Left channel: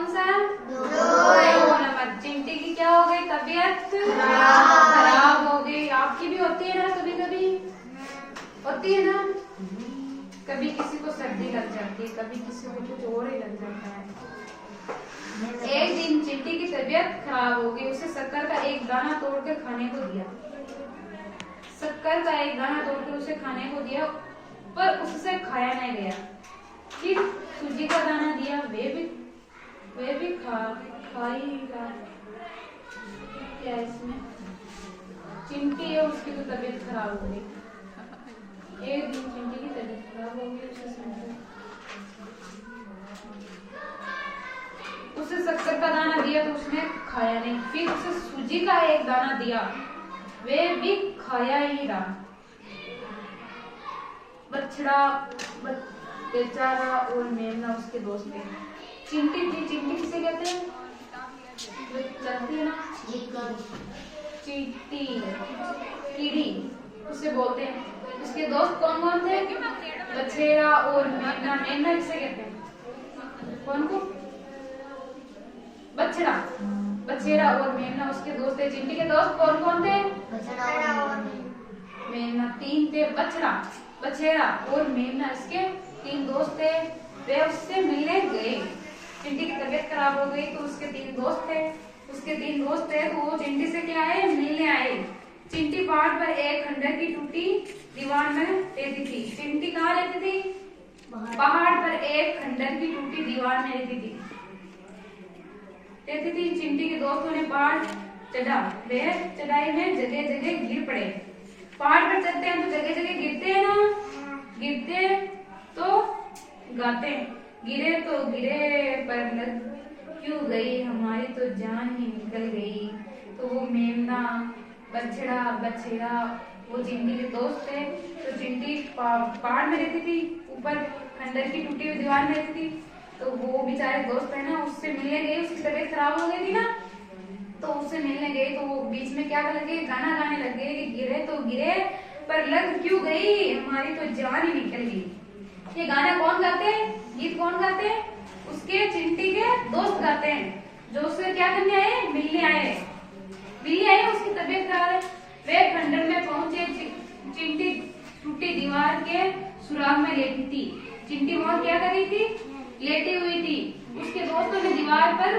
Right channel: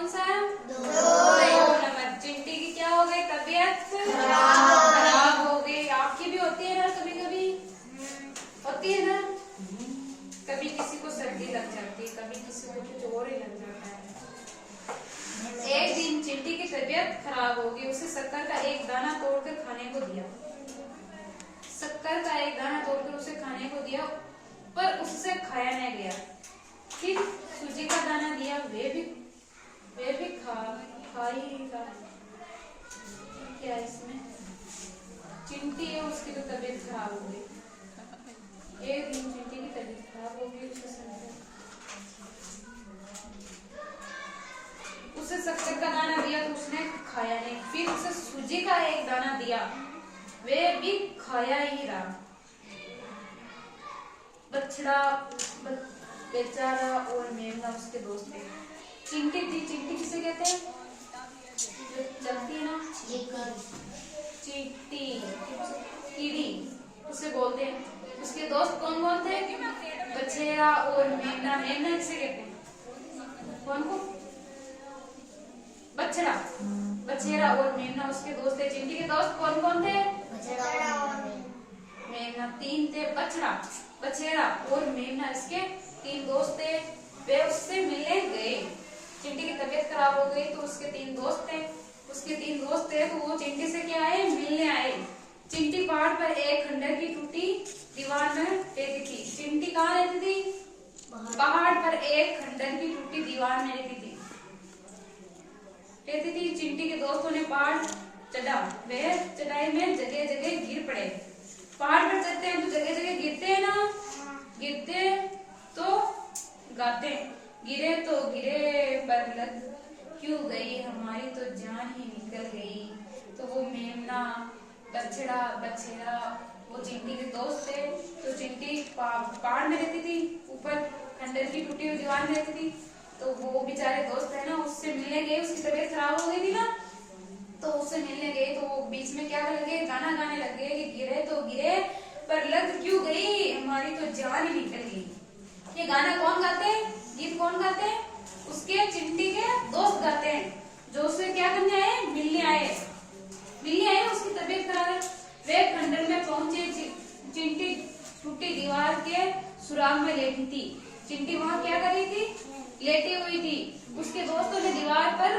कौन सा? 2 नंबर। चिंटी की क्या हो गई? तबीयत खराब हो गई। आपकी भी होती है ना, कभी कभी होती है ना। कभी किसी को सर्दी लग जाती है, कभी किसी को कुछ और ही लग जाता है। एक दिन चिंटी की तबीयत खराब हो गई। उसे शक्कर का एक दाना तोड़कर खाने को दिया। शक्कर का एक दाना तोड़कर उसे खाने को दिया, पर उससे खाया नहीं गया। फिर सूजी का दाना दिया, वे भी खा ही रहा। क्या इसमें चिंटी है, उसकी तो तबीयत खराब हो गई। एक दिन चिंटी की तबीयत खराब हो गई। उसे शक्कर का दाना दिया तो उसने खाया नहीं। फिर उसे सूजी का एक दाना दिया, वे भी खाया ही रहा। बछड़ा, बेचारा और मेमना उसके दोस्त थे। चिंटी थी। चिंटी किसे कहते हैं? चलती है ना, चींटी, कीड़ी उसे बोलते हैं। उसके दोस्त कौन कौन थे? बछेरा और मेमना। मेमना किसे कहते हैं? कौन को? बछड़ा। बछेरा और मेमना उसके दोस्त थे। चिंटी के दोस्त कौन कौन थे? मेमना। 3 थे। बछड़ा, बछेरा और मेमना, इसके 3 दोस्त थे। वे उससे मिलने गए। चिंटी की तबीयत खराब हो गई तो उसके 3 दोस्त थे। उसके 3 दोस्त थे तो वो चिंटी से क्या आए? मिलने आए। चिंटी पहाड़ पर एक खंडर की टूटी दीवार में रहती थी। चिंटी कहाँ रहती थी? पहाड़ पर एक खंडर की टूटी दीवार में रहती थी। चिंटी के दोस्तों ने पहाड़ चढ़ा। वे चढ़ाई में जगह जगह गिर पड़े। पहाड़ पर चढ़ते हैं तो जगह जगह गिरते हैं ना, गिरते तो गाते। गिरे तो गिरे पर लग क्यों गई, हमारी तो जान ही निकल गई। तो वो मेमना, बछड़ा, बछेरा वो चिंटी के दोस्त थे। तो चिंटी पहाड़ में रहती थी, ऊपर खंडर की टूटी हुई दीवार में रहती थी। तो वो बेचारे दोस्त है ना, उससे मिलने गए। उसकी तबीयत खराब हो गई थी ना, तो उससे मिलने गए। तो बीच में क्या लगे? गाना गाने लगे कि गिरे तो गिरे पर लग क्यों गई, हमारी तो जान ही निकल गई। ये गाना कौन गाते हैं? गीत कौन गाते हैं? उसके चिंटी के दोस्त गाते हैं, जो उससे क्या करने आए? मिलने आए। मिलने आए, उसकी तबीयत खराब है। वे खंडर में पहुंचे। चिंटी टूटी दीवार के सुराग में लेटी थी। चिंटी वहां क्या कर रही थी? लेटी हुई थी। उसके दोस्तों ने दीवार पर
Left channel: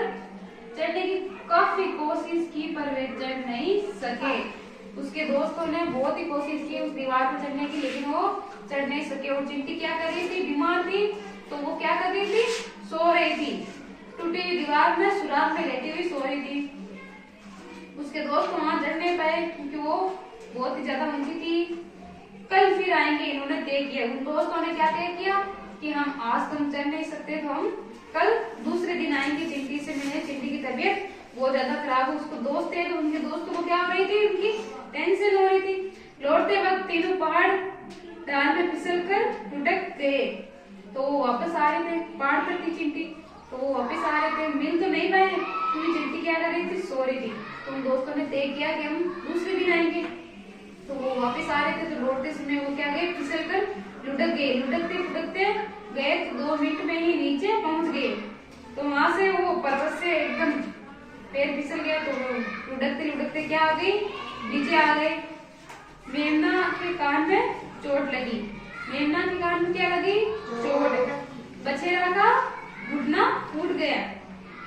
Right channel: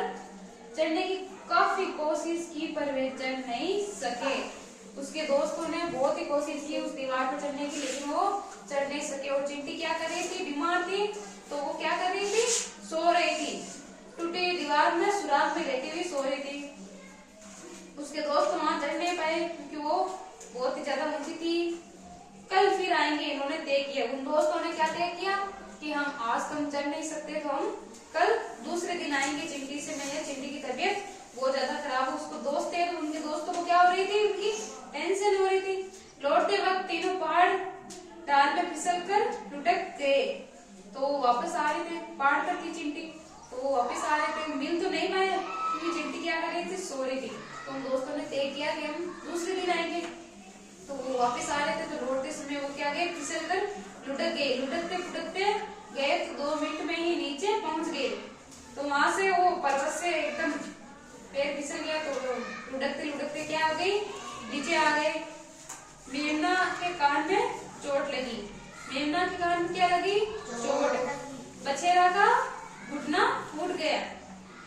चढ़ने की काफी कोशिश की पर वे चढ़ नहीं सके। उसके दोस्तों ने बहुत ही कोशिश की उस दीवार पर चढ़ने की, लेकिन वो चढ़ नहीं सके। और चिंटी क्या कर रही थी? बीमार थी। तो वो क्या कर रही थी? सो रही थी। टूटी दीवार में सुराग में लेटी हुई सो रही थी। उसके दोस्त वहां चढ़ नहीं पाए क्योंकि वो बहुत ही ज्यादा मंदी थी। कल फिर आएंगे, इन्होंने तय किया। उन दोस्तों ने क्या तय किया कि हम आज तो हम चढ़ नहीं सकते, तो हम कल दूसरे दिन आएंगे चिंटी से मिलने। चिंटी की तबीयत बहुत ज्यादा खराब है। उसको दोस्त थे तो उनके दोस्तों को क्या हो रही थी? उनकी टेंशन हो रही थी। लौटते वक्त तीनों पहाड़ ढाल पे फिसल कर लुढ़क गए। तो वापस आ रहे थे, पहाड़ पर थी चिंटी, तो वो वापस आ रहे थे। मिल तो नहीं पाए क्योंकि चिंटी क्या कर रही थी? सो रही थी। तो उन दोस्तों ने तय किया कि हम दूसरे दिन आएंगे। तो वो वापस आ रहे थे, तो लौटते समय वो क्या गए? फिसल कर लुढ़क गए। लुढ़कते फुढ़कते गए तो 2 मिनट में ही नीचे पहुंच गए। तो वहां से वो पर्वत से एकदम पैर फिसल गया। तो लुढ़कते लुढ़कते क्या आ गई? नीचे आ गए। मेमना के कान में चोट लगी। मेमना के कान में क्या लगी? चोट। बछेरा का घुटना फूट गया।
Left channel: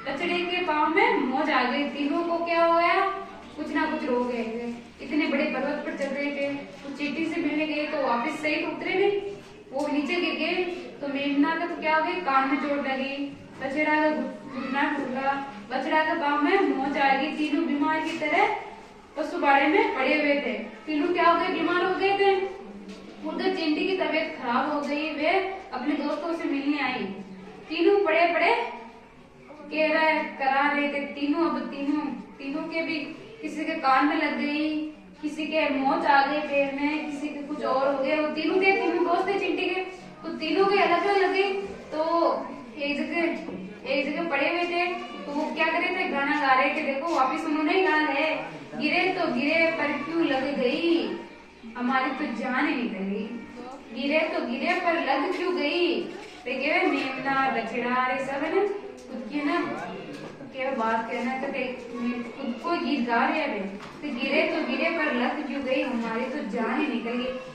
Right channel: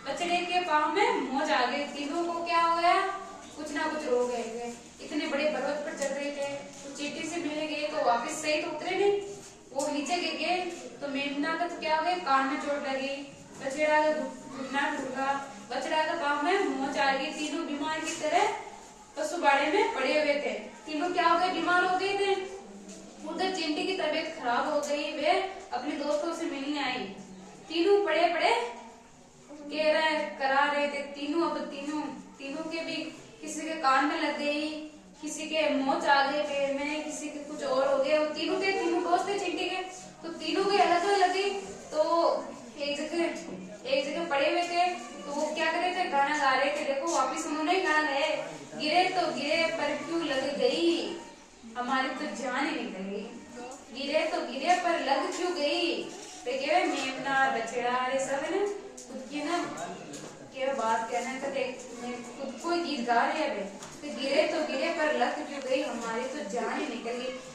बछड़े के पाँव में मोच आ गई। तीनों को क्या हो गया? कुछ ना कुछ रोग है। इतने बड़े पर्वत पर चढ़ रहे थे, तो चिंटी से मिलने गए तो वापस सही तो उतरे नहीं, वो नीचे गिर गए। तो मेमना का तो क्या हो गया? कान में चोट लगी। बछड़ा का घुटना टूटा। बछड़ा के पाँव में मोच आ गई। तीनों बीमार की तरह पशु बाड़े में पड़े हुए थे। तीनों क्या हो गए? बीमार हो गए थे। उधर चिंटी की तबीयत खराब हो गई। वे अपने दोस्तों से मिलने आई। तीनों पड़े पड़े करा रहे थे। तीनों के भी किसी के कान में लग गई, किसी के मोच आ गई पैर में, किसी के कुछ और हो गया। वो तीनों दोस्त थे चिंटी के, तो तीनों के अलग अलग लगे। तो एक जगह पड़े हुए थे। तो वो क्या कर रहे थे? गाना गा रहे थे। देखो वापिस उन्होंने गा रहे, गिरे तो गिरे पर क्यों लग गई, हमारी तो जान ही निकल गई। गिरे तो पर लग क्यों गई? मेमना, बछड़ा, ये सब है ना, उसकी ना बात कहना है तो मैं खुद को गीत गा रहे हैं फिर गिरे तो गिरे पर लग क्यों गई हमारी तो जान ही निकल गई।